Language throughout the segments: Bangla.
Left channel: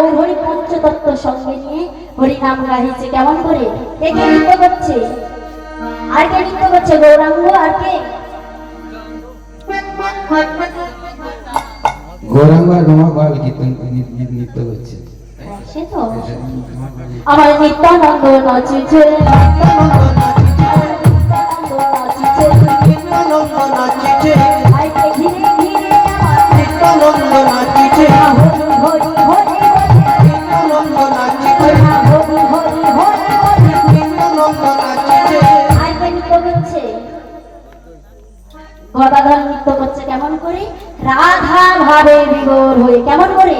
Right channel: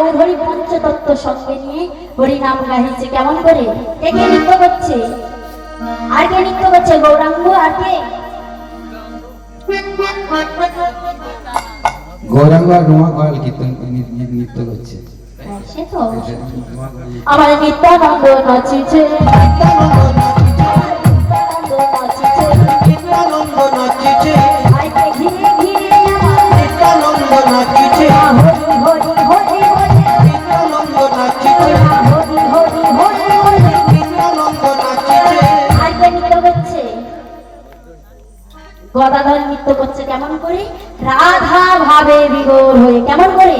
গৌহরি পঞ্চতত্ত্ব সঙ্গে নিয়ে হরি নাম গাইছে কেমন করে? কে কে নৃত্য করছে? আর কে নৃত্য করছে? গৌরাঙ্গ আর কে? গৌরাঙ্গা রমা গোয়াল কীর্তন নৃত্য করছে। হ্যাঁ, সে তো আমার নিত্যানন্দ নাচিছে। নিত্যানন্দ গদাধর নৃত্য করছে কেমন করে? রাধা ভাবে বিদর হয়ে কেমন করে?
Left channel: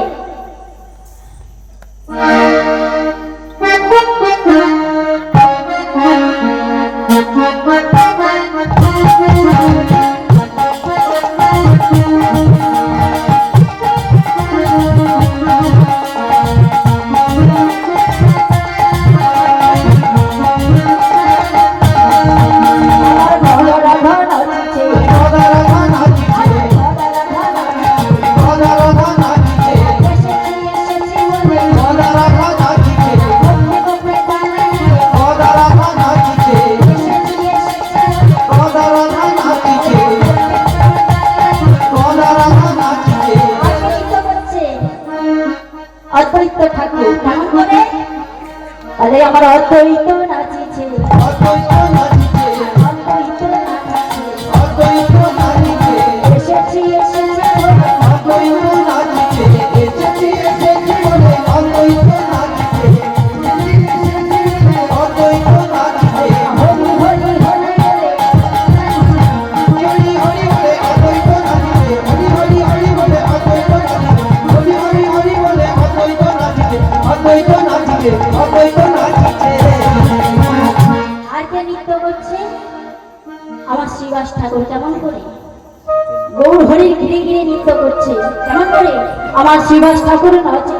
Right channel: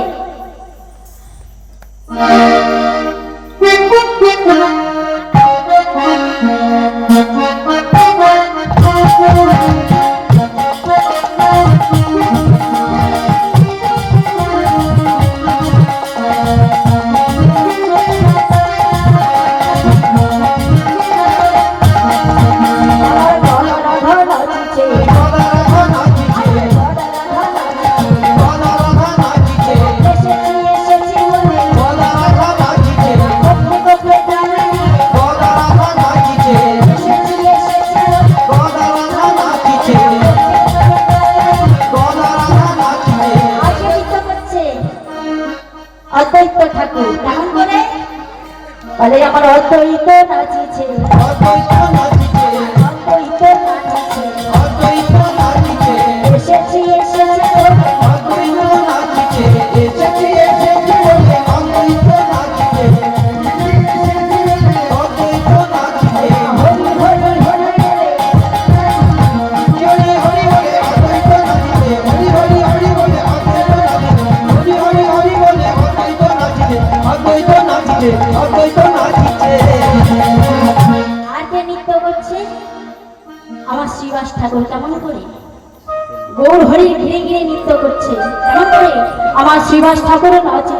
আমার ঠাকুরের ঠাকুর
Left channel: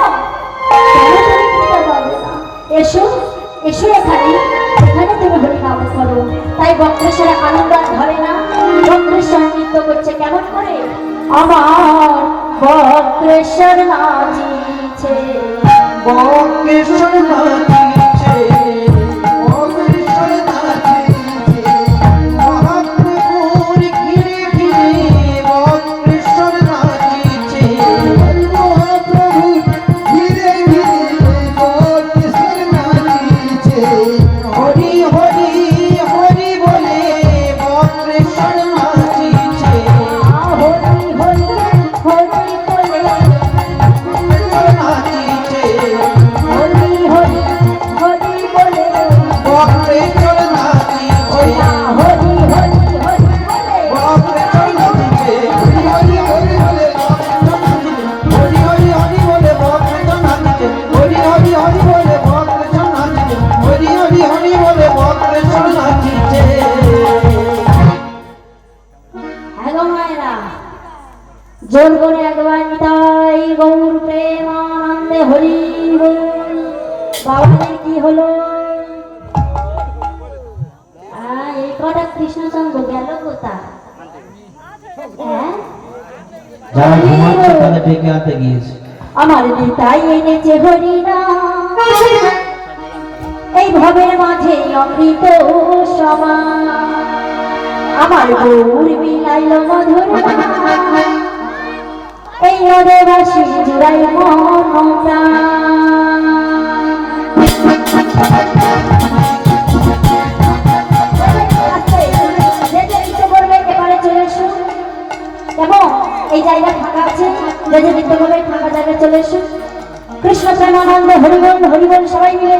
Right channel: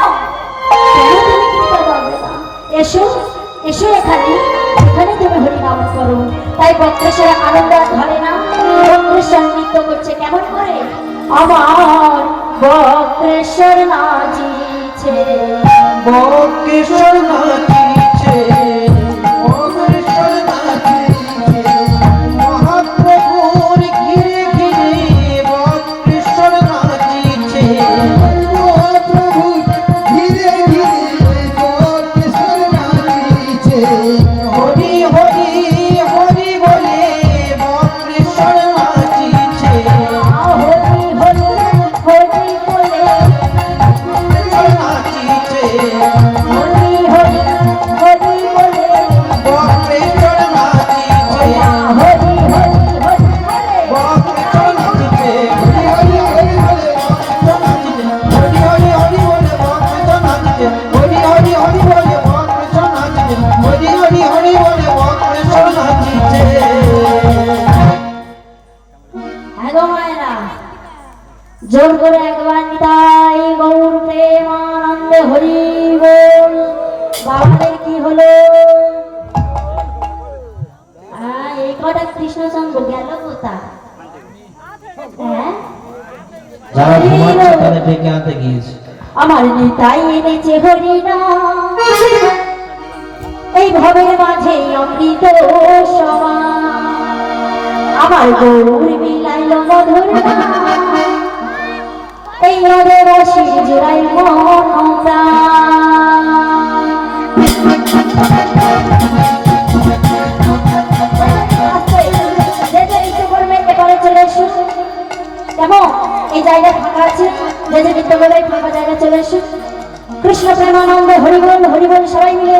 এসো এসো এখানে। এখানে তুমি হরি নাম করো তাই বক্রেশ্বরা আনন্দ ধরে না। বক্রেশ্বর নৃত্য করছে কেমন করে? আমার বক্রেশ্বর নাচিছে। বক্রেশ্বর নাচিছে। হরি হরি আমার গৌর মিলাইল মধুর তাই ওরে রসি জুড়াই মন এবং এই জায়গা ফাঁকা আছে যে যে বিদ্যালয়ে ফাঁকা জায়গায় চলে এসুন কৃষ্ণ প্রেমানন্দ হরিবল হরিবল সবাই মিলে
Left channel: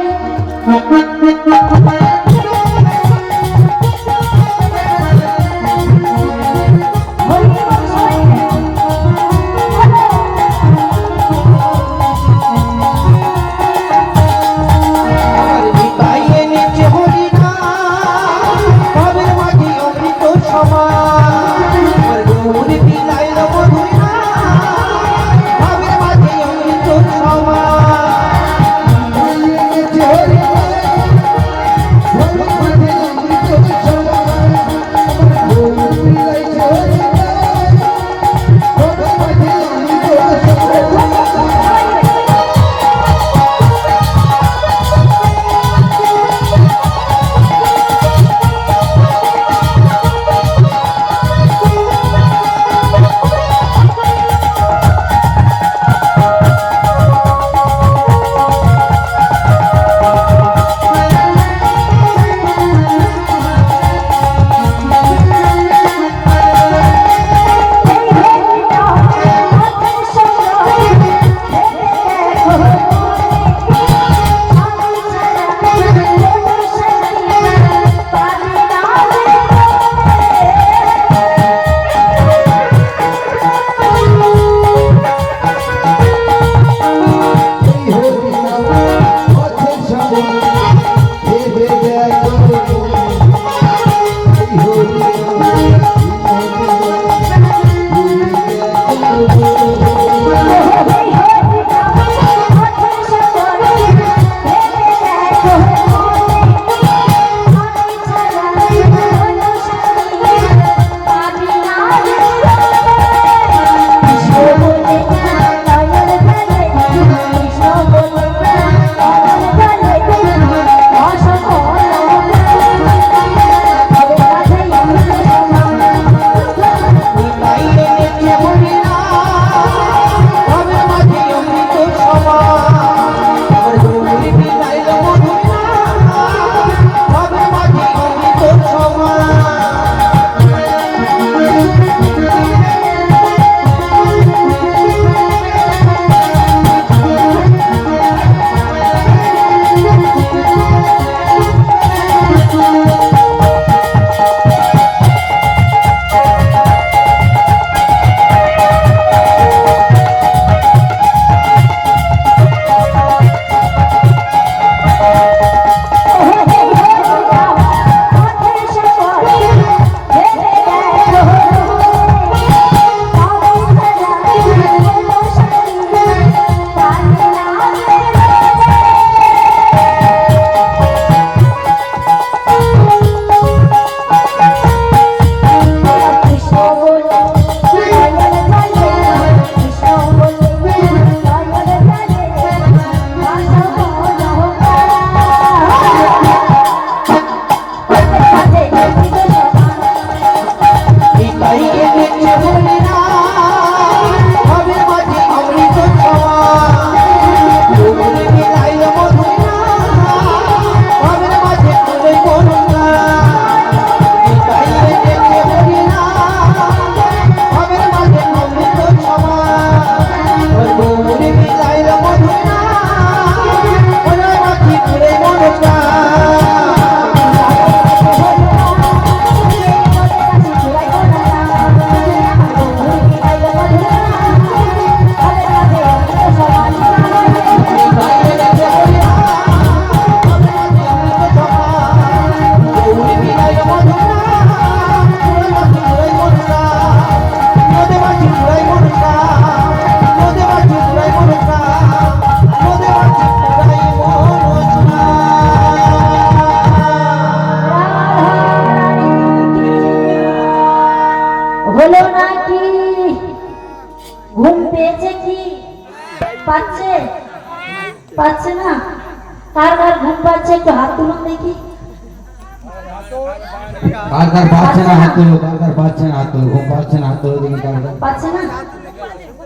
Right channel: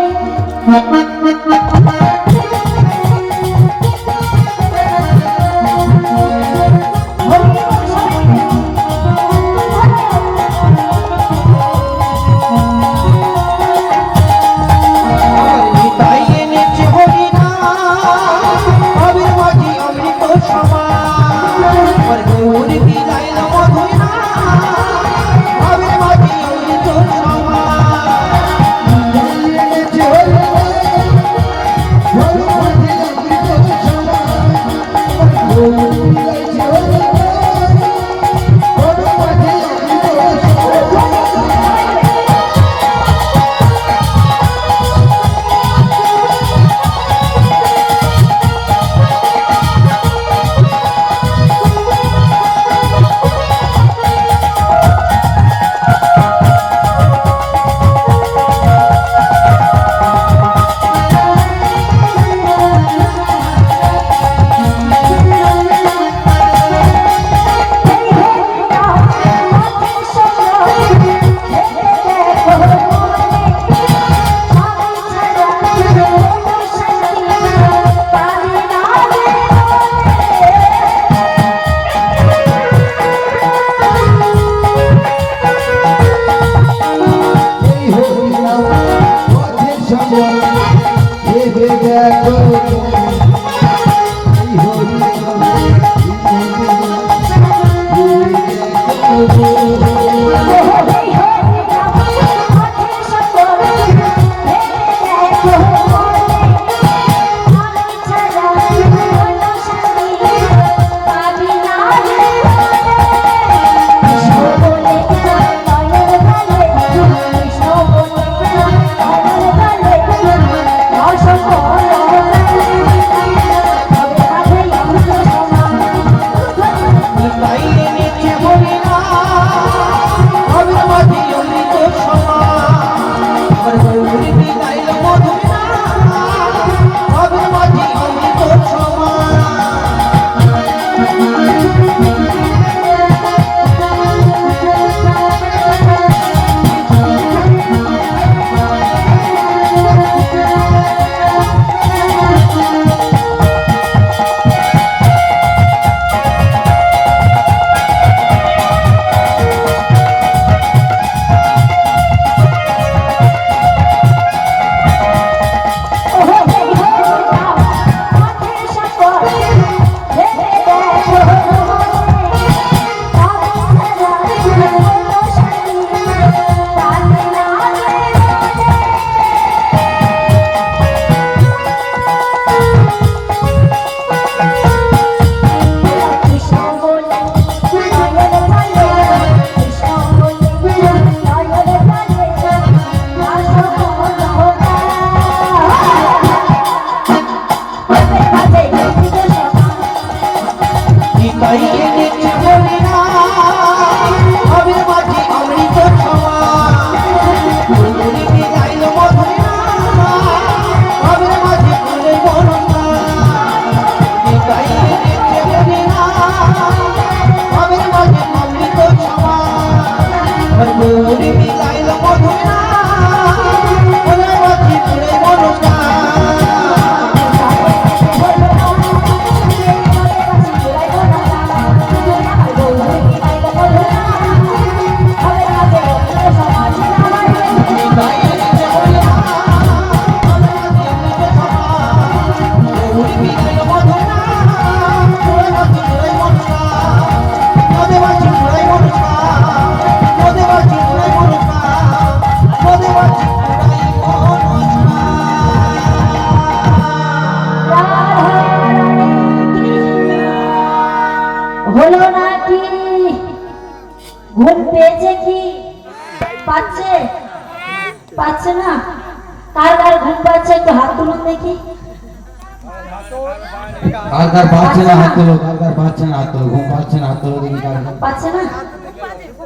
বারবার পাচ্ছে না হাত তোলো বারবার পাচ্ছে না হাত তোলো পাচ্ছে না হাত তোলো দেখি পাচ্ছে না?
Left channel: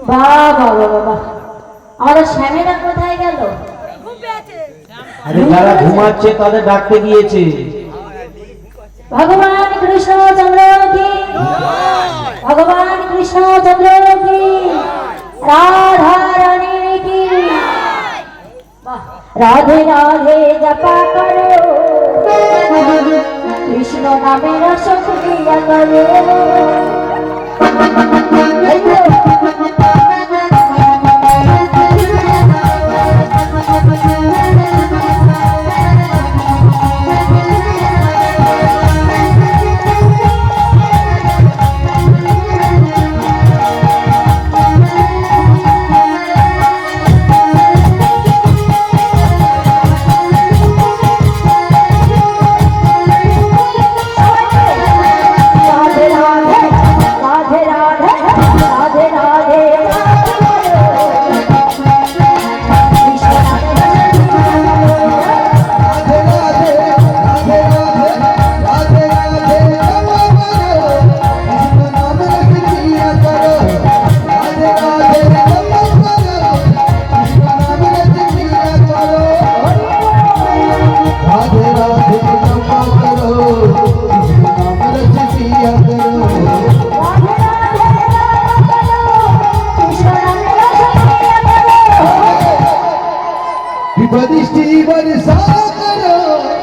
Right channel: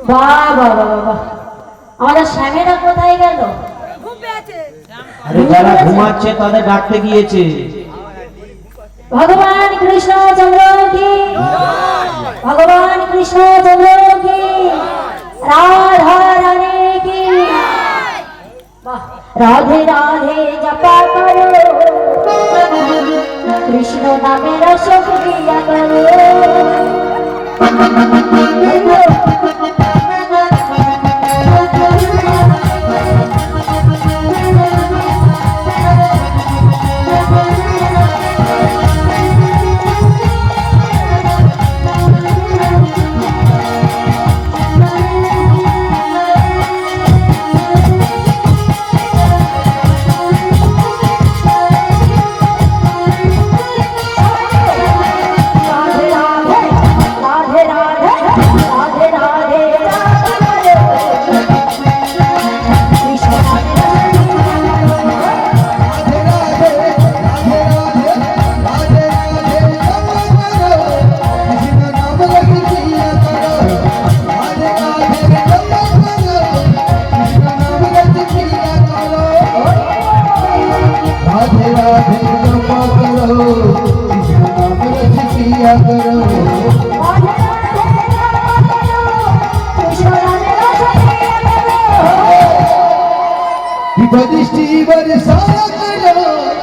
বাবা বাবা আমাদের শ্যামেরা কোথায় গেল? আরে যারা ঘুমাচ্ছে তাদের ডাকতে গিয়েছে। ভগবান কৃষ্ণ চন্দ্র কি ভগবান কৃষ্ণ চন্দ্র কি রাধা রানী কি? রাধে রাধে করো। কৃষ্ণ নামে রস ক্রিয়া বিপদৃষ্টি বরে সারা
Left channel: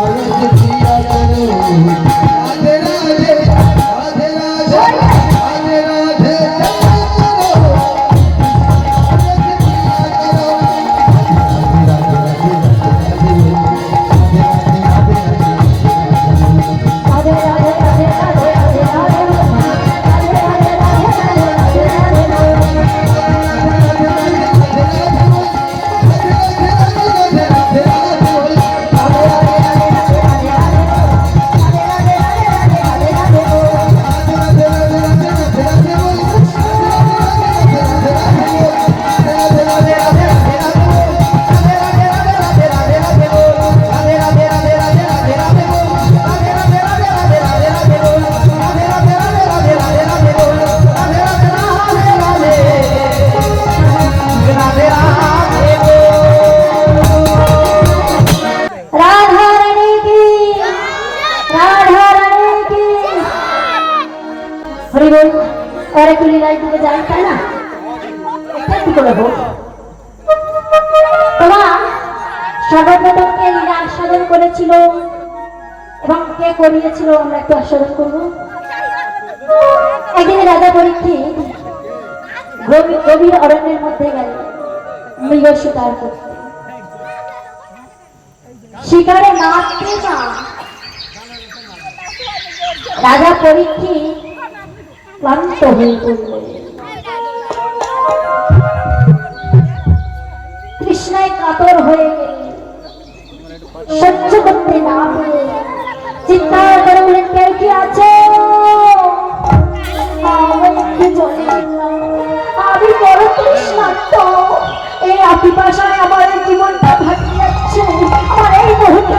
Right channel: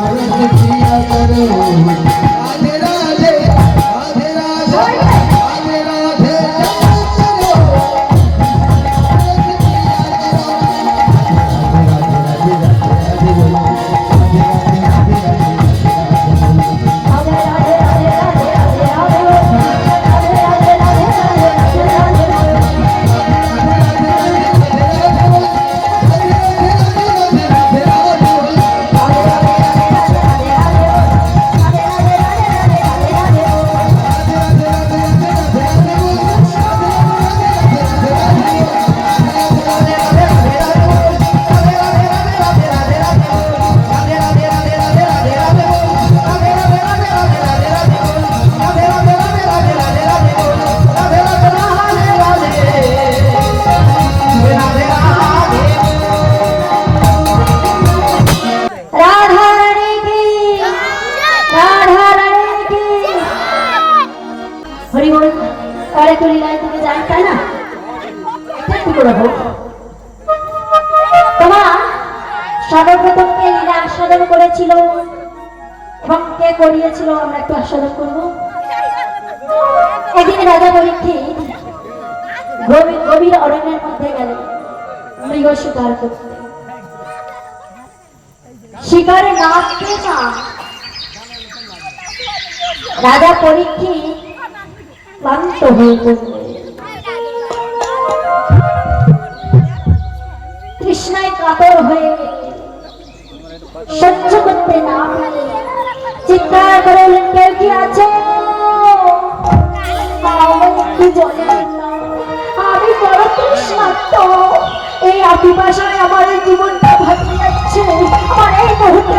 already করিয়েছিল আমরা একটু আস্বাদন করব। একদিন রাজা পরীক্ষিত গভীর অরণ্যের মধ্যে গেলেন। মৃগ শিকার করতে। শিকারে না রাজা পরীক্ষিত ক্লান্ত হয়ে পড়লেন। তৃষ্ণায় কাতর হয়ে সহ্য করতে না পারে চিৎকার করে বললেন কেউ কি আছো না। আমি বড় তৃষ্ণার্ত এই আপিপাশায় আমার জীবনটা ভাসিয়ে আমার এই মুহূর্তে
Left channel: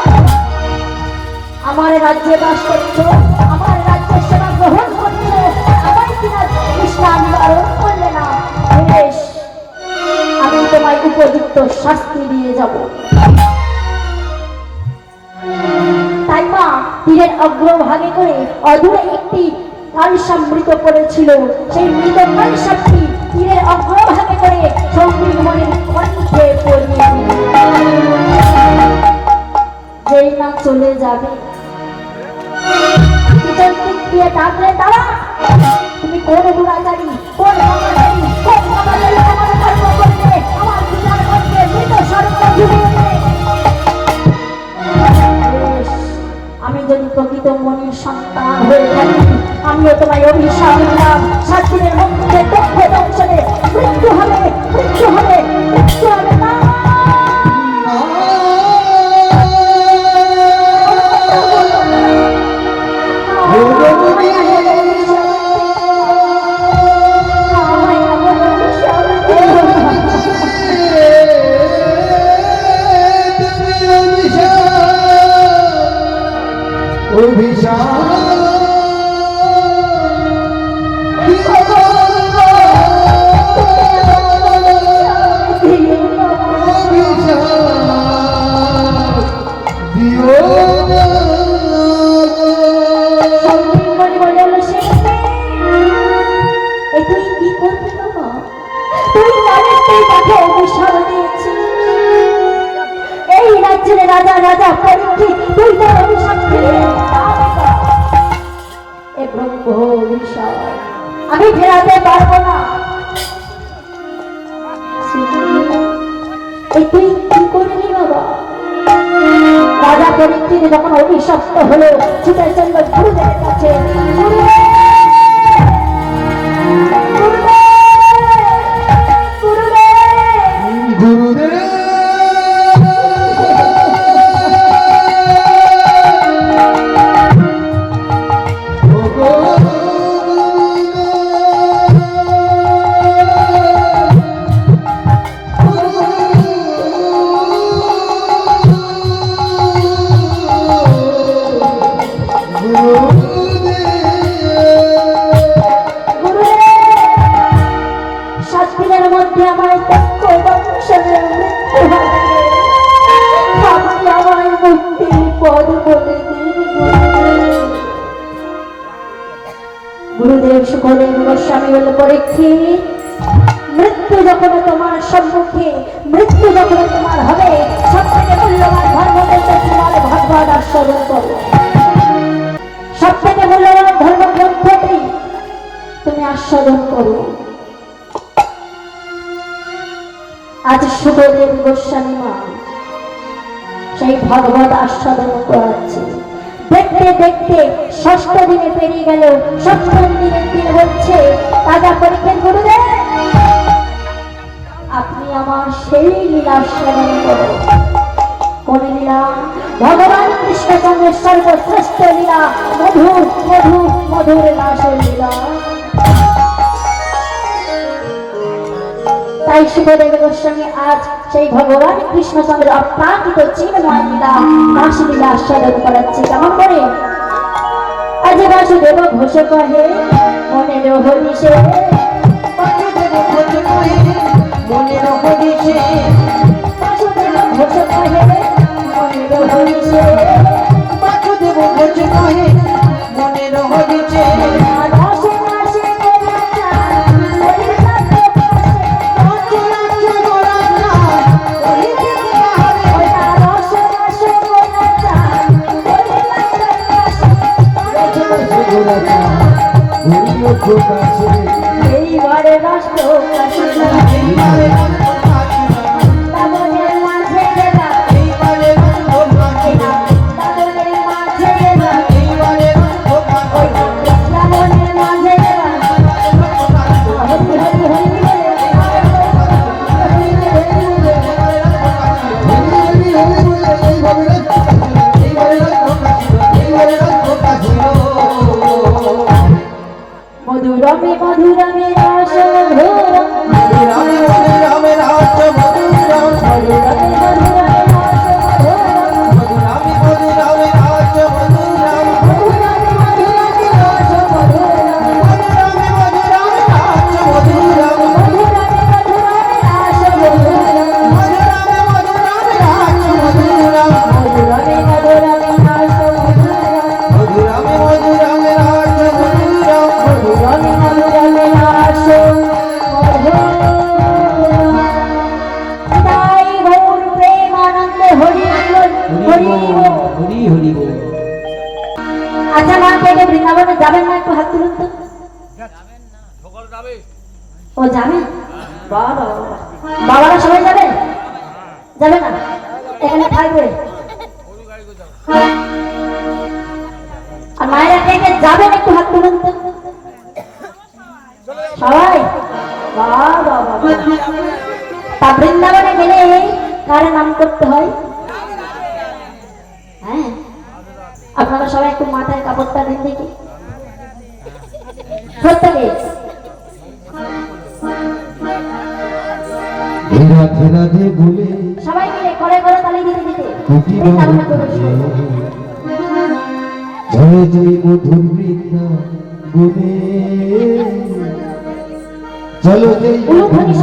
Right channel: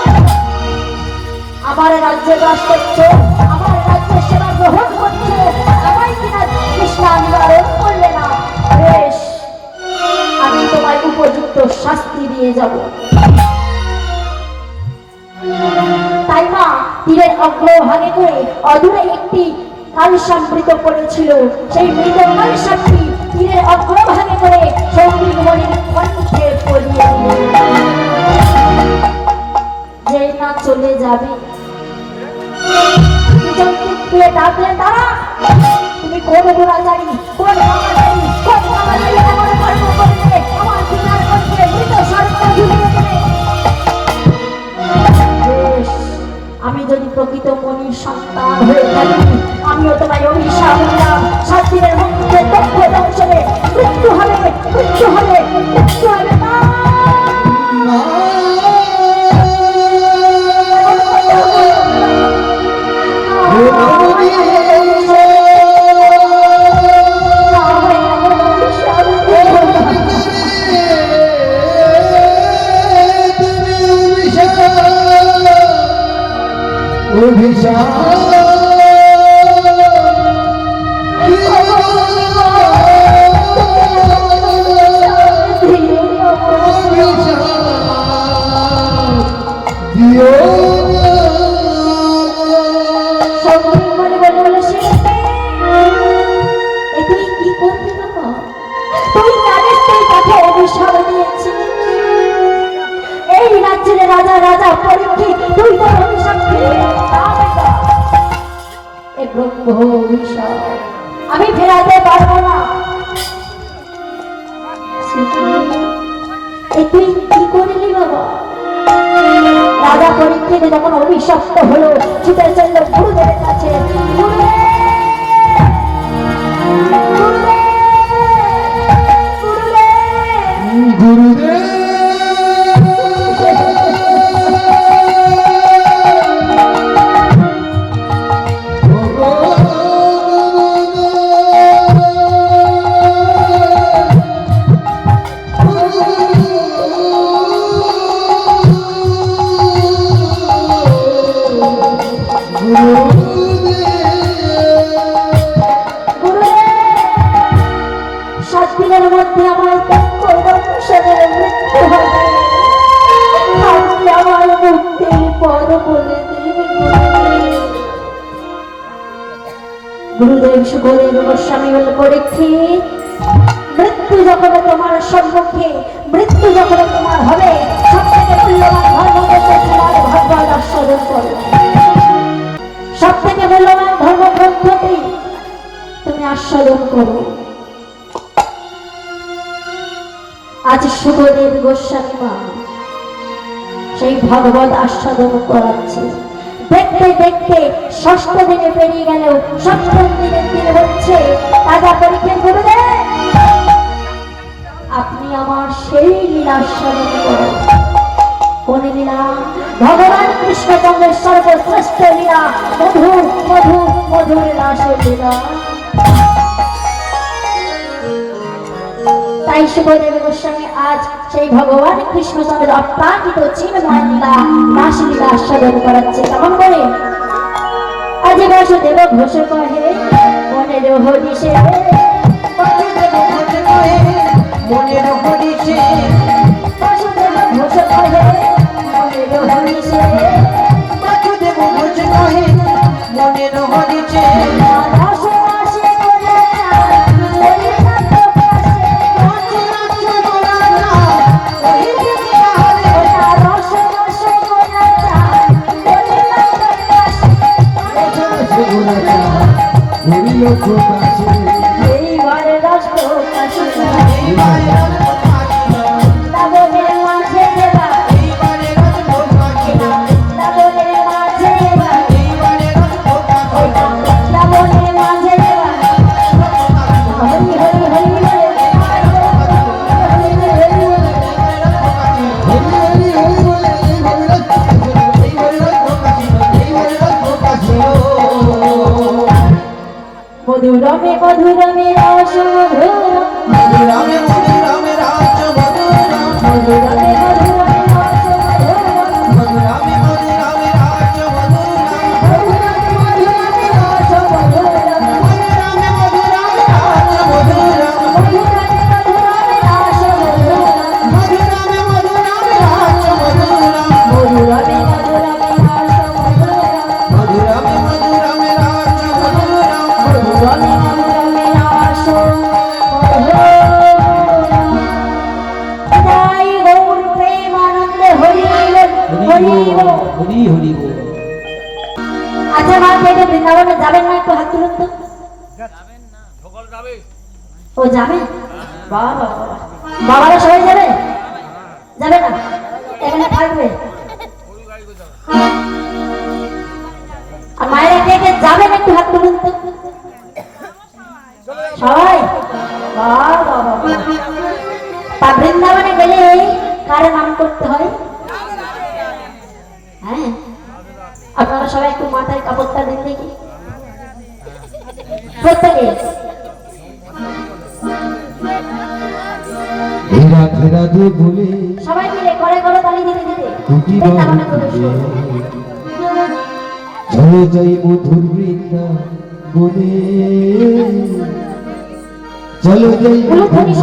আমার রাজ্যে বাস করছে, আমার রাজ্যে সেবা গ্রহণ করছ আমায় কিনা কৃষ্ণা নিবারণ করলে না। বেশ, আমি তোমায় উপযুক্ত শাস্তি দিয়ে যাব। তাই মা, তীরের অগ্রভাগে করে অদূরে একটি কালসামৃত পড়েছিল। সেই মৃত কালসাপটি তীরের অগ্রভাগে করে সৌমিক কণ্ঠে পড়িয়ে যেই না চলে যাবে আমি যদি প্রকৃত মনির সন্তান হয়ে থাকি, আমিও তোমায় অভিশাপ দিলাম। সাত মধ্যে তথ্য দংশনে হবে মৃত্যু হবে মৃত্যু হবে না তুমি আস্বাদন আজ সুখদেব গোস্বামী মা সেই ভগবত আস্বাদন করাচ্ছে। দেখতে দেখতে ষষ্ঠ দিনে পেরিয়ে গেল সপ্তম দিনের দিন হচ্ছে। রাজা পরীক্ষের গুরুদেব আপনি আমার সেই লীলা স্মরণ করুন। কোন লীলা? ভগবান কৃষ্ণচন্দ্রের সর্বশ্রেষ্ঠ লীলা। মধুর মধুর মধুর নাশের লীলা। তাই সুখদেব গোস্বামী আজ সেই ভগবান কৃষ্ণচন্দ্রের অপ্রাকৃত চিন্ময় লীলা নাশ লীলা স্মরণ করাচ্ছে। কেমন করে? আজ বাসুদেব ঘোষ কহে মনে হরিষে। বাসুদেব মধুরমে মধুরমে রস একটু হাত তুলুন তো। ও যাবে? বাবা বাবারা সবাই যাবে? যাবে না? এখানে থাকবে। আর মায়েরা কে কে যাবেন একটু হাত তুলুন তো। সবাই? তা বৃন্দাবনে গেলে কারে নাম করতে হয়? হ্যাঁ? আপনারা সবাই একটু মাথায় কাপড়টা দিন দেখি রাধে রাধে বলে সবাই মিলে করে করে তালি দিতে। দিতে এসো। জয় জয় মধুর বৃন্দা গুনে চলো জয় উলুধ্বনি